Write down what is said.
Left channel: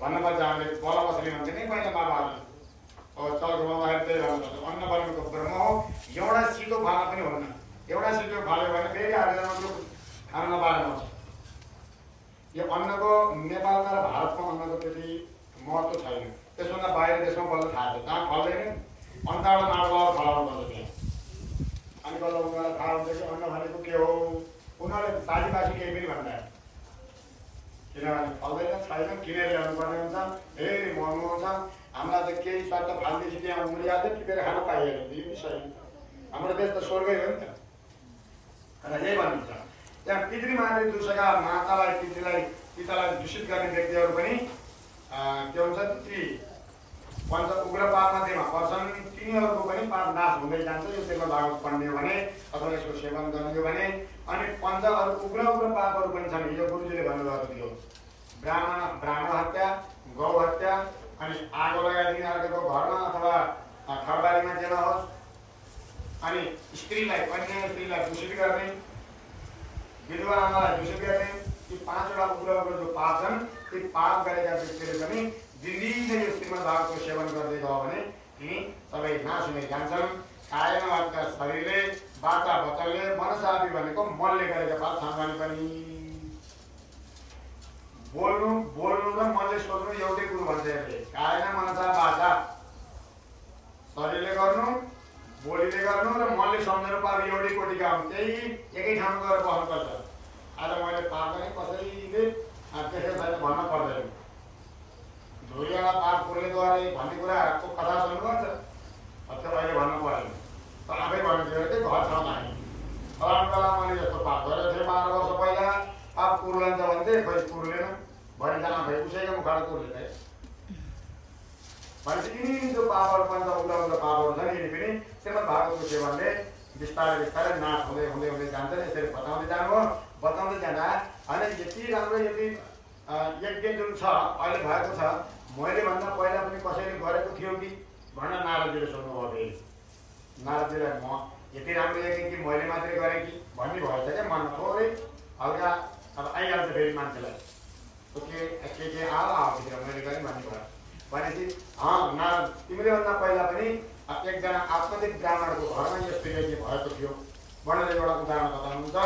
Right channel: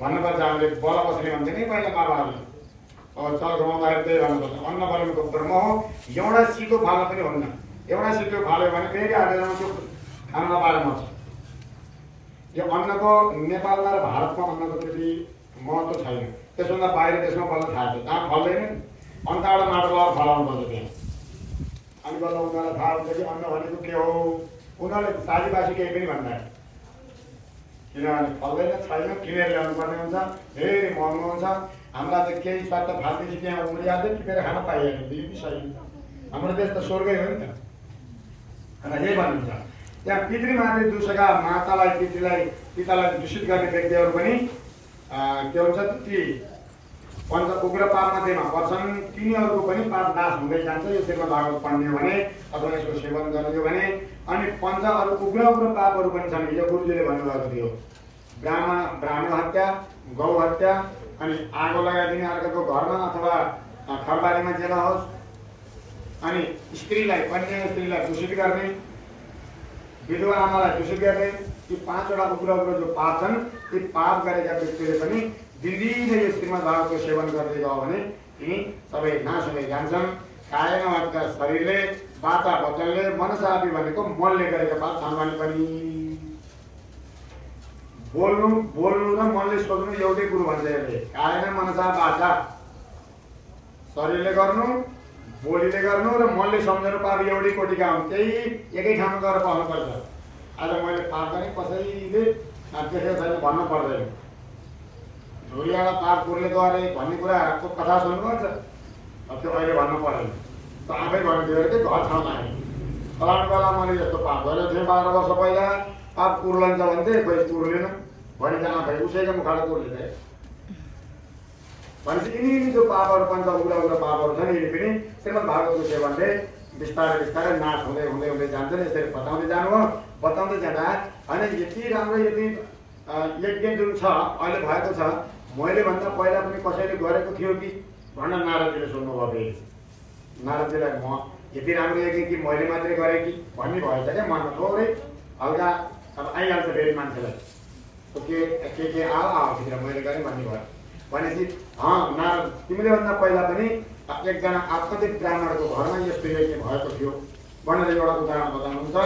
भन्नुपर्छ। हामीले बल कसरी भन्छ नि पहिला बाबाहरूले चल गाउँदाखेरि त्यही भन्नुपर्छ। अन्न बलको कर्म हो। एउटा सिटो फाल्न पनि हुन्न। एउटा सिटो फाल्यो भने फेरि आजको खाना पार मर्छ। यो अन्नको नेपालमा र भारतमा अन्नको त्यति महत्त्व छैन। त्यसमा बाहिर देशमा बल्ल थाहा छ। कहाँ फल्दैन अन्नबाट माटोबाट फलाउनु पर्छ। त्यहाँ अनि बल्ल उनीहरूलाई थाहा हुन्छ कि अन्न भनेको के हो। उनीहरूले साथीबासी केही पनि भन्दैन। किनभने फल्दैन छैन किनेर ल्याउनुपर्ने हुन्छ। धेरै महँगो हुन्छ। हामीलाई चाहिँ केही शब्द फाल्दैछ त्यहाँ उम्रिहाल्दै टिपेर खान पाइहाल्यो। यो पनि सही। हाम्रो देश त स्वर्गै हो नि त। अनि यही भन्नुहुन्छ त्यहाँ पितृमाथि दुसका मातालाई पितालाई दूषित गर्ने व्यक्तिहरू पनि के हुन्छ ती पञ्च उग्र पापमध्येमा पर्छन्। तिनीहरूको पनि पाप नाश हुँदै जान्छ। यो श्रीमद् भागवत पढ्ने भने अथवा यसको सेवन गर्ने भने। अनि पञ्च अरू उग्र पापहरू पनि छन्। यो गुरुजीले भन्नुभएको थियो। ब्राह्मण हत्या, गौ हत्या, अनि आगो लगाइदिने अर्काको घरमा अथवा खरबारीमा जेल होस्, अनि स्त्रीलाई कन्या स्त्रीलाई दूषित गर्ने, विधवा आमालाई दूषित गर्ने, यी 5 वटा उग्र जो पाप छन् ती पाप गरेका व्यक्तिले पनि दिनदिनै यो श्रीमद् भागवतको सेवन गर्दै गयो भने तिनी सबै नाश हुँदै जान्छन्। कायमा भएका शरीरले वाचा वचनले मनसापि भनेको मनले गरेका पाप सामान्य पनि बोल्नु र मनले सोच्नु एउटै कुरो भन्छ। यसले कायमा मनसा वाचा शरीरले गर्नु बोलीले गर्नु र मनले सम्झनु पाप एउटै कोटिका हुन्। त्यही एकै ठाउँमा गएर बस्नुपर्छ। आज मैले पाप पनि कसैले देखेको छैन भन्नु पर्दैन। धुरीवाला पाप कुरले गरे भन्ने कुराहरूको कथा सुन्नुपर्छ। त्यो अहिले भन्नु पर्दैन। त आफै भन्नु कि घर ठाउँमा आयो फलानु बेला मैले यस्तो पाप गरेको थिएँ 12 वर्ष पहिला। पाप कुर्लन्छ भन्थे कोही कुर्लेन भनिजान भाइ उसैको मुखबाट कुर्ले भनेपछि यिनी जो पापहरू पञ्च उग्र पापहरू छन् यिनी पनि श्रीमद् भागवतको सेवनले बिस्तारै नाश हुँदै जान्छन्। यसरी बताउँदै जाँदा होइन यति राम्रो यति यज्ञ जुन छ अहिले भएको छ मैले भन्दा पहिला पनि कसैले गरेको थियो कि भनेर नारदजीले सोध्नुभयो। नारदजीलाई म यति राम्रो यज्ञ कि मैले मात्रै गरेँ कि भन्ने भएछ क्या मनमा थोरै हल्का अब आइहाल्छ फेरि मान्छेलाई के आउँछ मैले गरेँ भन्ने भयो भनेपछि नारद तिमीले भन्दा पहिला पनि एकजना आपतित ब्राह्मणको घरमा यस्तो यज्ञ भएको थियो भनेर एउटा उदाहरण बताउनुहुन्छ।